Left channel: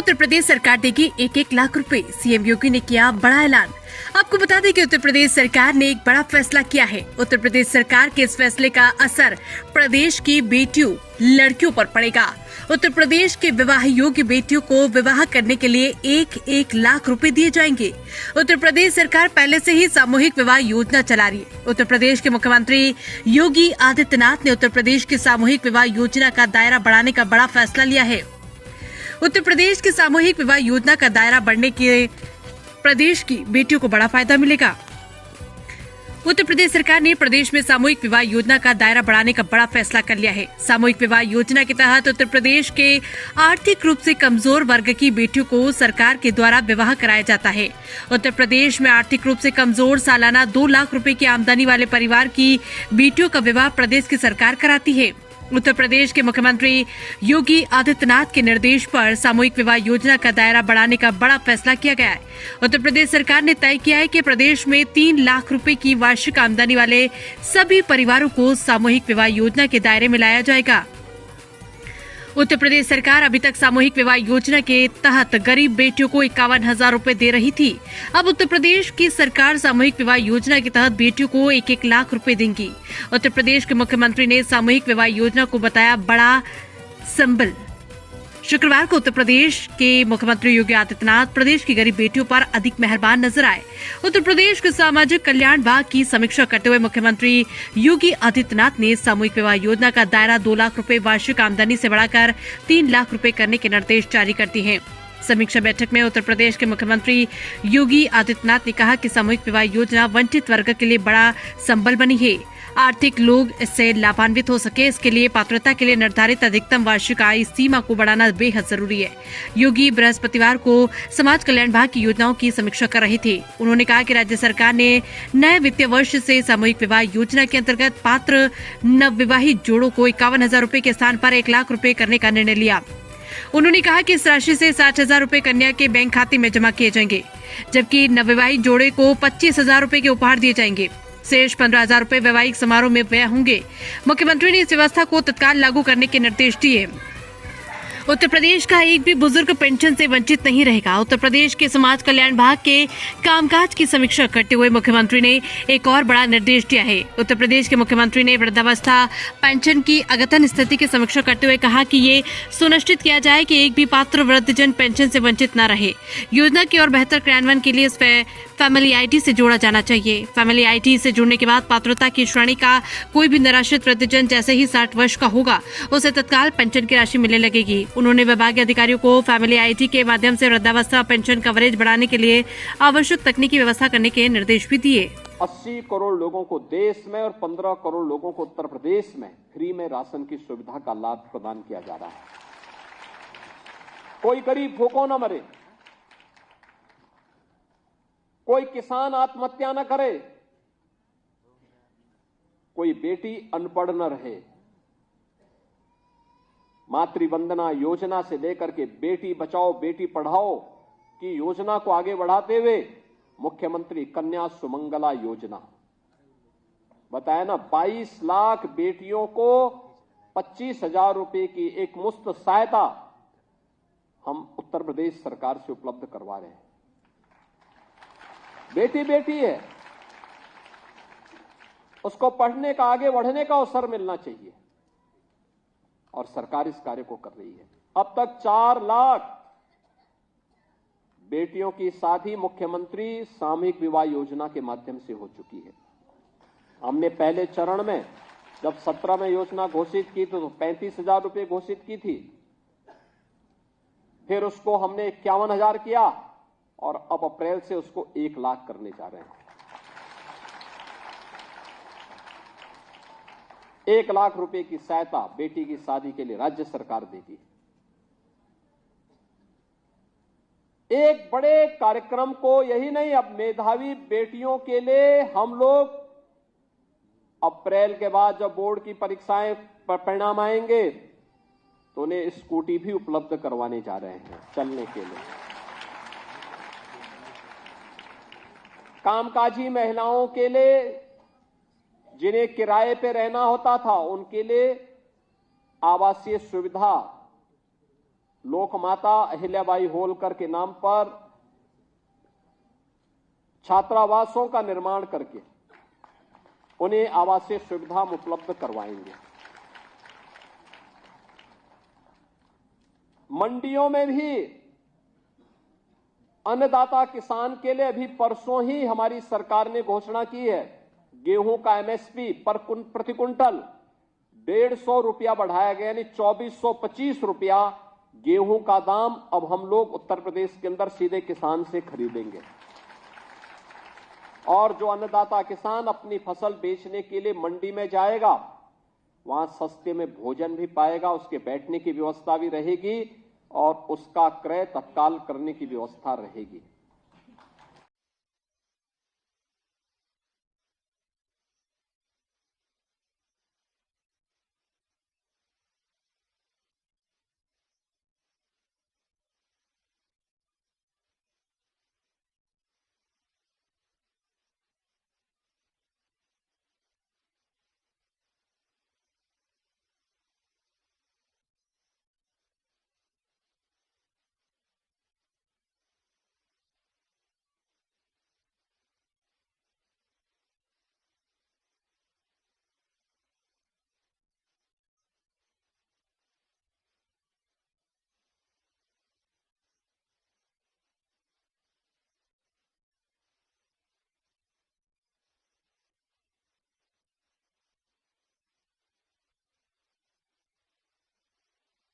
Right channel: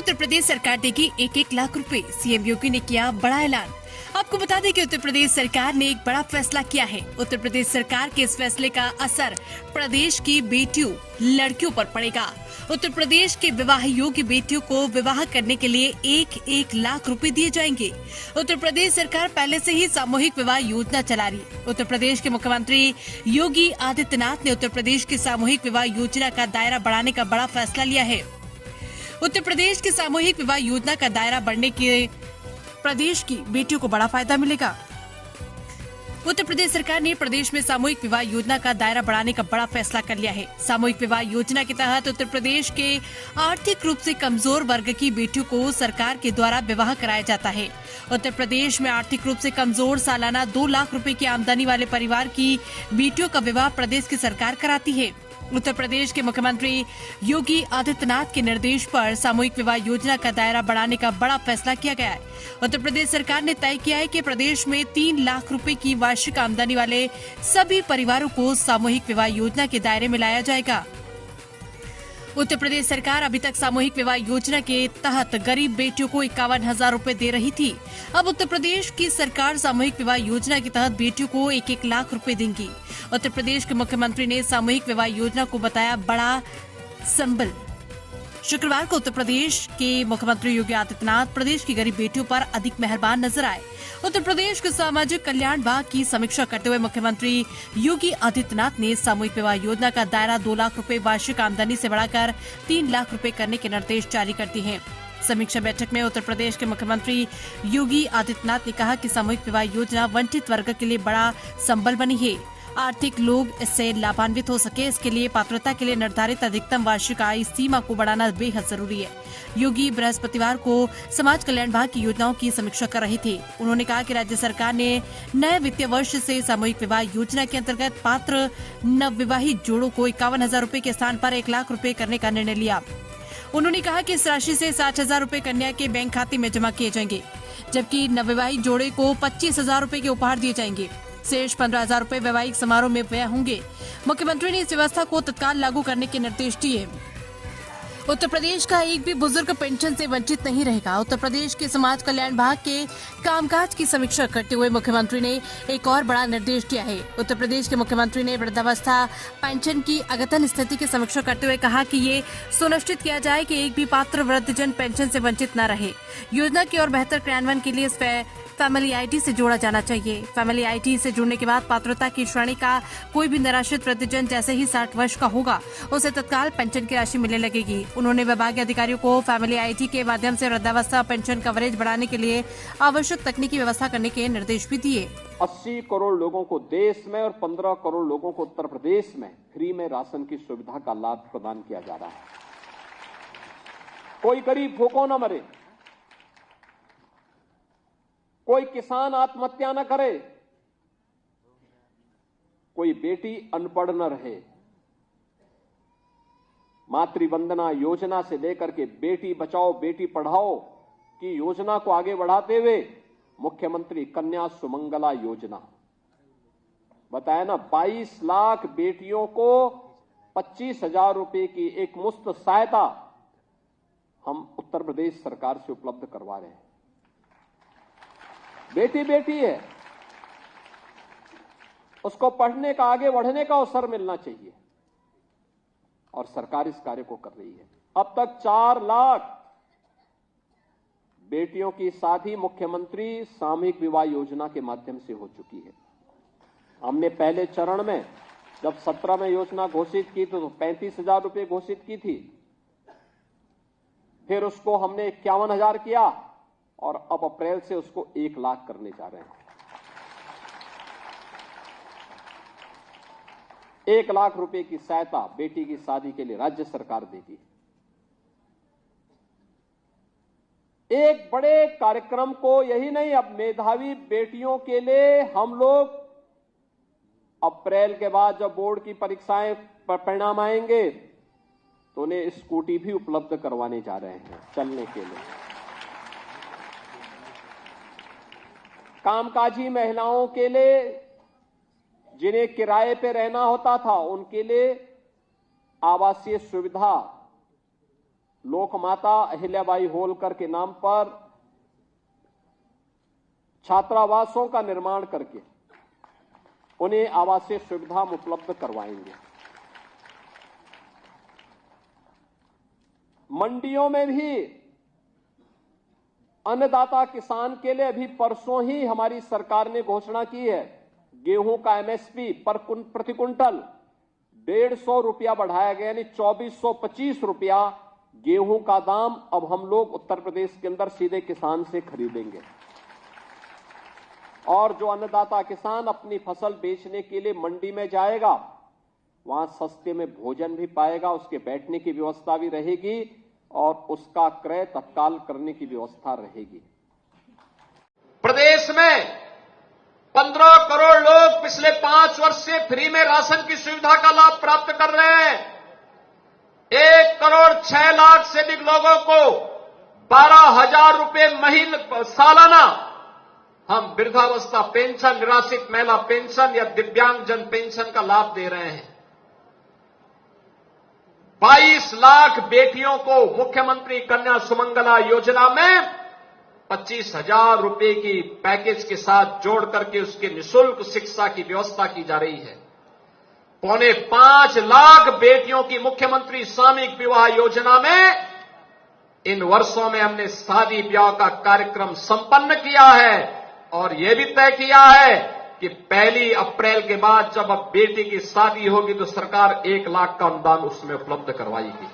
उत्तर प्रदेश सरकार देगी 1-1 लाख रुपए। सीएम योगी ने किया बड़ा ऐलान। आपको बता दें कि उत्तर प्रदेश सरकार ने एक बड़ा फैसला किया है। उत्तर प्रदेश सरकार के इस फैसले का असर प्रदेश की बेटियों, लड़कियों पर पड़ेगा। उत्तर प्रदेश के विवाह योग्य बेटियों को विवाह करने के लिए 1-1 लाख रुपए दिए जाएंगे। उत्तर प्रदेश सरकार पहले से ही सामूहिक विवाह योजना चला रही है। उत्तर प्रदेश के मुख्यमंत्री योगी आदित्यनाथ ने उत्तर प्रदेश की सामूहिक विवाह योजना का दायरा बढ़ाने का बड़ा फैसला लिया है। उत्तर प्रदेश की सामूहिक विवाह योजना का दायरा बढ़ने के प्रदेश की बेटियों को बड़ा फायदा मिलेगा। उत्तर प्रदेश सरकार ने प्रदेश में सामूहिक विवाह योजना का दायरा बढ़ाने का बड़ा फैसला कर लिया है। सामूहिक विवाह योजना के तहत उत्तर प्रदेश के आर्थिक रूप से कमजोर वर्ग की बेटियों को सरकार के द्वारा विवाह कराया जाता है। उत्तर प्रदेश में आर्थिक रूप से कमजोर सालाना 2 लाख रुपए की आमदनी वाले परिवार की बेटियों का विवाह प्रदेश की सरकार कराती है। उत्तर प्रदेश के मुख्यमंत्री योगी आदित्यनाथ के निर्देश पर सामूहिक विवाह योजना का दायरा बढ़ाने का बड़ा फैसला किया गया है। उत्तर प्रदेश सरकार ने तय किया है कि प्रदेश में 3 लाख रुपए की वार्षिक आमदनी वाले सभी परिवारों को सामूहिक विवाह योजना के दायरे में लाया जाएगा। उत्तर प्रदेश सरकार अभी तक सामूहिक विवाह योजना के तहत गरीब बेटियों को 51,000 रुपए दे रही थी। अब उत्तर प्रदेश की सरकार सामूहिक विवाह योजना के तहत बेटियों को 1-1 लाख रुपए देंगी। उत्तर प्रदेश के मुख्यमंत्री ने सामूहिक विवाह योजना को बताया बड़ा संबल। शुक्रवार को उत्तर प्रदेश के मुख्यमंत्री योगी आदित्यनाथ प्रदेश की गरीब बेटियों पर अधिक मेहरबान नजर आए। उत्तर प्रदेश के सामाजिक कल्याण विभाग की समीक्षा करते हुए मुख्यमंत्री योगी आदित्यनाथ ने सामूहिक विवाह योजना का दायरा 2 लाख रुपए वार्षिक आमदनी से बढ़ाकर 3 लाख रुपए करने के निर्देश जारी कर दिए हैं। समीक्षा बैठक में उत्तर प्रदेश के मुख्यमंत्री योगी आदित्यनाथ ने कहा कि सामूहिक विवाह योजना वंचित वर्ग के लिए बड़ा संबल बनी है। आर्थिक लोग इससे लाभान्वित हो सके, इसके लिए पात्रता के लिए निर्धारित अधिकतम वार्षिक आय सीमा को बढ़ाना बेहद जरूरी है। योगी बृहस्पतिवार को समाज कल्याण विभाग की योजनाओं की समीक्षा कर रहे थे। उन्होंने कहा कि राज्य सरकार ने नए वित्तीय वर्ष से सामूहिक विवाह योजना के अंतर्गत पात्र नवविवाहित जोड़ों को 51,000 रुपए के स्थान पर 1 लाख रुपए करने का निर्णय लिया। उन्होंने कहा कि इस राशि से 60,000 रुपए कन्या के बैंक खाते में जमा किए जाएंगे, जबकि नवविवाहित जोड़े को 25,000 रुपए के उपहार दिए जाएंगे। शेष 15,000 रुपए वैवाहिक समारोह में व्यय होंगे। मुख्यमंत्री ने इस व्यवस्था को तत्काल लागू करने के निर्देश दिए। उत्तर प्रदेश का एक भी बुजुर्ग पेंशन से वंचित नहीं रहेगा। उत्तर प्रदेश के समाज कल्याण विभाग के कामकाज की समीक्षा करते हुए मुख्यमंत्री ने एक और बड़ा निर्देश दिया है। उत्तर प्रदेश के मुख्यमंत्री ने वृद्धावस्था पेंशन की अद्यतन स्थिति की समीक्षा करते हुए कहा कि ये सुनिश्चित किया जाए कि एक भी पात्र वृद्धजन पेंशन से वंचित न रहे। योजना की और बेहतर क्रियान्वयन के लिए इस फैमिली आईडी से जोड़ा जाना चाहिए। फैमिली आईडी से जुड़ने के बाद पात्रता की श्रेणी का कोई भी निराश्रित वृद्धजन जैसे ही 60 वर्ष का होगा उसे तत्काल पेंशन की राशि मिलने लगेगी। उन्होंने विभागीय अधिकारियों को फैमिली आईडी के माध्यम से वृद्धावस्था पेंशन कवरेज बढ़ाने के लिए आवश्यक तकनीकी व्यवस्था करने के निर्देश भी दिए। 80 करोड़ लोगों को देश में और 15 करोड़ लोगों को उत्तर प्रदेश में फ्री में राशन की सुविधा का लाभ प्रदान किया जा रहा है। कोई गरीब भूखों न मरे, कोई किसान आत्महत्या न करे, कोई बेटी अनपढ़ न रहे। मातृवंदना योजना से लेकर के बेटी बचाओ बेटी पढ़ाओ की योजना को आगे बढ़ाते हुए मुख्यमंत्री कन्या सुमंगला योजना बताया ना, 22 लाख बेटियों को 25,000 रुपए की एक मुफ्त सहायता हम उत्तर प्रदेश सरकार से उपलब्ध करवा रहे हैं। बेटी बेटी है, उसको पढ़ने का, आगे बढ़ने का अवसर मिलना चाहिए और सरकार इस कार्य को कर रही है। अब तक 4 लाख बेटियों की शादी मुख्यमंत्री सामूहिक विवाह योजना के माध्यम से हो चुकी है। हमने पहले चरण में जब 17 में योजना घोषित की तो 35,000 रुपए घोषित की थी, फिर उसको हमने 51,000 किया और अब अप्रैल से उसको 1 लाख करने जा रहे हैं। 1 लाख रुपए की सहायता बेटी की शादी के लिए राज्य सरकार देगी। एक बड़े कार्यक्रम को यही नहीं, अब मेधावी बेटियों के लिए हम लोग अप्रैल के बाद जब बोर्ड की परीक्षाएं पर परिणाम आएंगे तो उन्हें स्कूटी भी उपलब्ध करवाने जा रहे हैं चलने के लिए। कामकाजी महिलाओं के लिए जिन्हें किराए पे रहना होता था उनके लिए आवासीय सुविधा लोकमाता अहिल्याबाई होलकर के नाम पर छात्रावासों का निर्माण करके उन्हें आवासीय सुविधा उपलब्ध करवाएंगे। मंडियों में भी अन्नदाता किसान के लिए अभी परसों ही हमारी सरकार ने घोषणा की है, गेहूं का एमएसपी प्रति क्विंटल 150 रुपया बढ़ाया गया, यानी 2425 रुपया गेहूं का दाम अब हम लोग उत्तर प्रदेश के अंदर सीधे किसान से खरीदेंगे। और जो अन्नदाता किसान अपनी फसल बेचने के लिए मंडी में जाएगा, वहां सस्ते में भोजन भी पाएगा, उसके बैठने की व्यवस्था भी रहेगी और उसका क्रय तत्काल करने की व्यवस्था रहेगी। प्रदेश में 15 करोड़ लोग पिछले 5 वर्ष से फ्री में राशन की सुविधा का लाभ प्राप्त कर रहे हैं। 1 करोड़ 6 लाख से अधिक लोगों को 12,000 रुपये सालाना हम वृद्धावस्था पेंशन, निराश्रित महिला पेंशन या दिव्यांगजन पेंशन का लाभ दे रहे हैं। 22 लाख बेटियों को मुख्यमंत्री कन्या सुमंगला योजना में 25,000 रुपये की पैकेज के साथ जोड़ करके उसके निःशुल्क शिक्षा की व्यवस्था की जा रही है। 4.25 लाख बेटियों की मुख्यमंत्री सामूहिक विवाह योजना में इन वर्षों में हमने शादी ब्याह का कार्यक्रम संपन्न किया है और यह भी तय किया है कि 1 अप्रैल के बाद जब अब बेटी की शादी होगी तो सरकार 1 लाख का अनुदान उसमें उपलब्ध करवाएगी।